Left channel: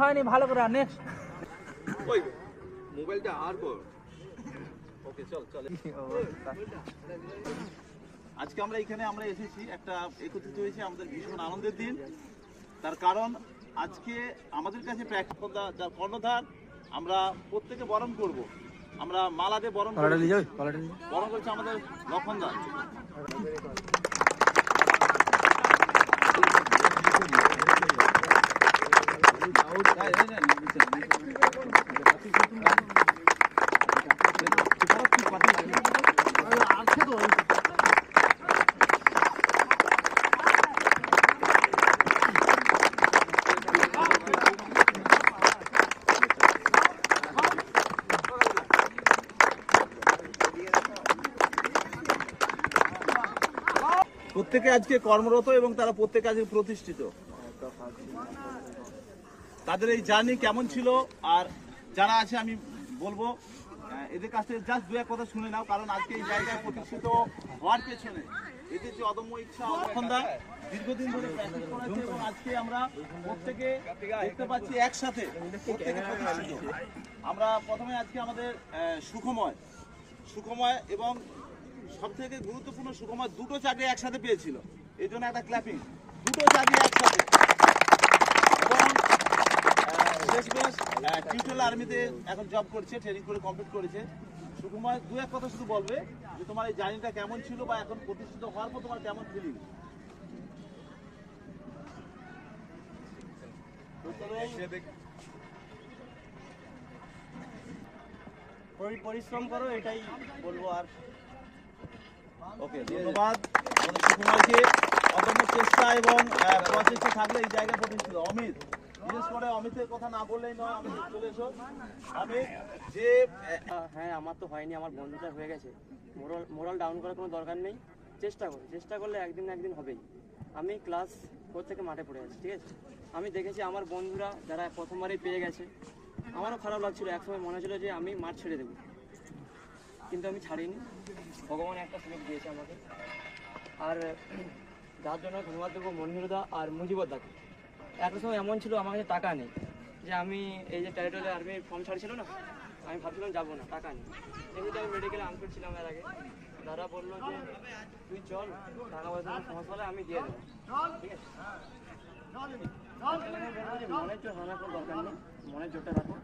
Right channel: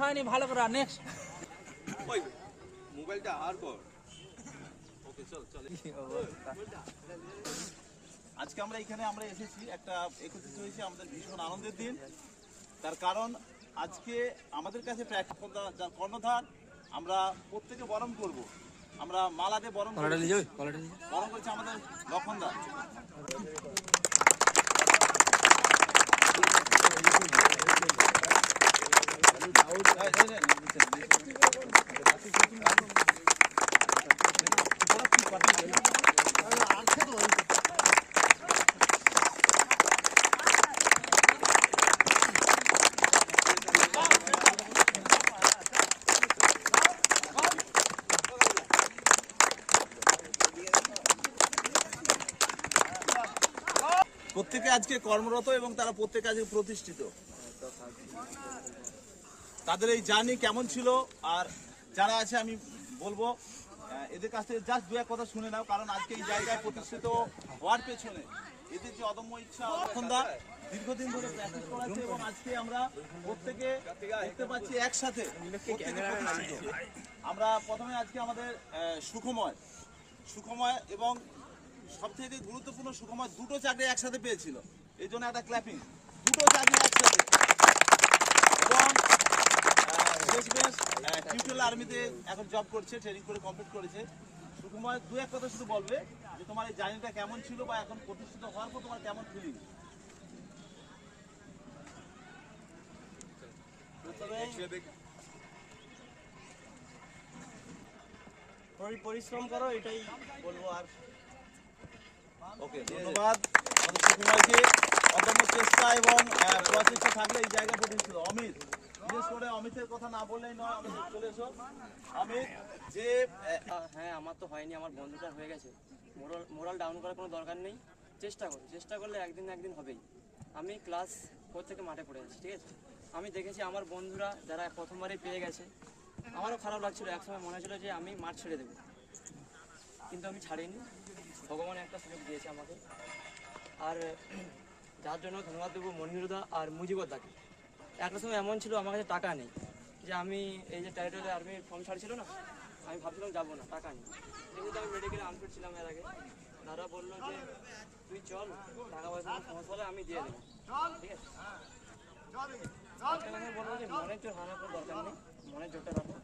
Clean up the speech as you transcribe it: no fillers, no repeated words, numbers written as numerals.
হয়নি ভালো করে নেক্সট ওই মোবাইলটা আর কর ওকে চল আজকে আমরা এখানে এসেছি একটা একত্রিত হয়েছে আমাদের ভীষণ আনন্দের দিন তার কারণ আজকে আমাদের কাছে কর্ণধার আমরা প্রত্যেকে বরণ করব আমরা মালাদে বরণ করছি আমাদের লক্ষণদার প্রত্যেকে আজকে কর্মরত এবং তারা প্রত্যেকে আজকে প্রতিষ্ঠিত তাদের এই জার্নি কেমন ছিল আর যারা আছে আমি বলবো এদের কাছে জাস্ট দু এক কথা শুনে নাও কারণ আজকে এই জায়গায় প্রতিষ্ঠিত হওয়ার পেছনে এদের যে অদম্য ইচ্ছা লক্ষণদা দীর্ঘদিন ধরে প্র্যাকটিস করেছে এবং আজকে আমরা প্রত্যেকে দেখতে পাচ্ছি একসাথে প্রত্যেকে প্রতিষ্ঠিত আমরা প্রথমে আজকে আমাদের সুখময় এবং সবথেকে গুরুত্বপূর্ণ সুখময় দুটো চাকরি একসাথে পেয়েছিল এই জন্য একটা ক্ল্যাপিং দুটো চাকরি একসাথে এবং টিউটোরিয়াল আর্মিতে এখন জব করছে ট্রেনিং করে কমপ্লিট করেছে সুখময় দু এক কথা শুধু বলবে যে তোমার এই জার্নিটা কেমন ছিল বা এখন প্রতিষ্ঠিত হওয়ার পর তোমার কেমন ফিলিং পরিশ্রম করো এটাই বলবো আর ওকে ধন্যবাদ আমাদের সুকুমারকে অদম্য চেষ্টা এবং প্রচেষ্টা থাকলে এই জায়গা প্রতিষ্ঠিত অমিত বিশেষ করে অমিতের কথা না বললেই নয় অমিত চলে এসো অমিত যে হ্যাঁ আমার তো হয়নি আমার বন্ধুটা হয়ে গেছে মোরাল ডাউন করার কোনো দরকার নেই চেষ্টা করলে একদিন না একদিন হবেই আমি ক্লাস 4 থেকে মাঠে পড়ে আছি ঠিক আছে আমি দেখেছি আমার বন্ধুরা যারা প্রথমবারই পেয়ে গেছে আমারও খারাপ লাগছিল একসময় মনে হচ্ছিল যে আমি মাঠ ছেড়ে দেবো কিন্তু আমি ছাড়িনি ভগবান একটা সুযোগ দিয়েছে আমাকে আর যার জন্য ধন্যবাদ দেবো মনিরদা আর মুজিবদাকে একটা সময় এমন ছিল আমার কাছে টাকা নেই যে আমি এই যে টেরিটরি আর্মির ফর্ম ছাড়ছিল না আমি ভাবছিলাম যাবো না টাকা নেই যেহেতু আমি মেডিকেলে আনফিট ছিলাম এর আগে দাদা বললো যে তুই চল টাকা পয়সা সমস্যা হলে আমি দিয়ে দেবো ঠিক আছে বলবো যে মনের জোর হারানোর কোনো দরকার নেই মনের জোরটা রাখো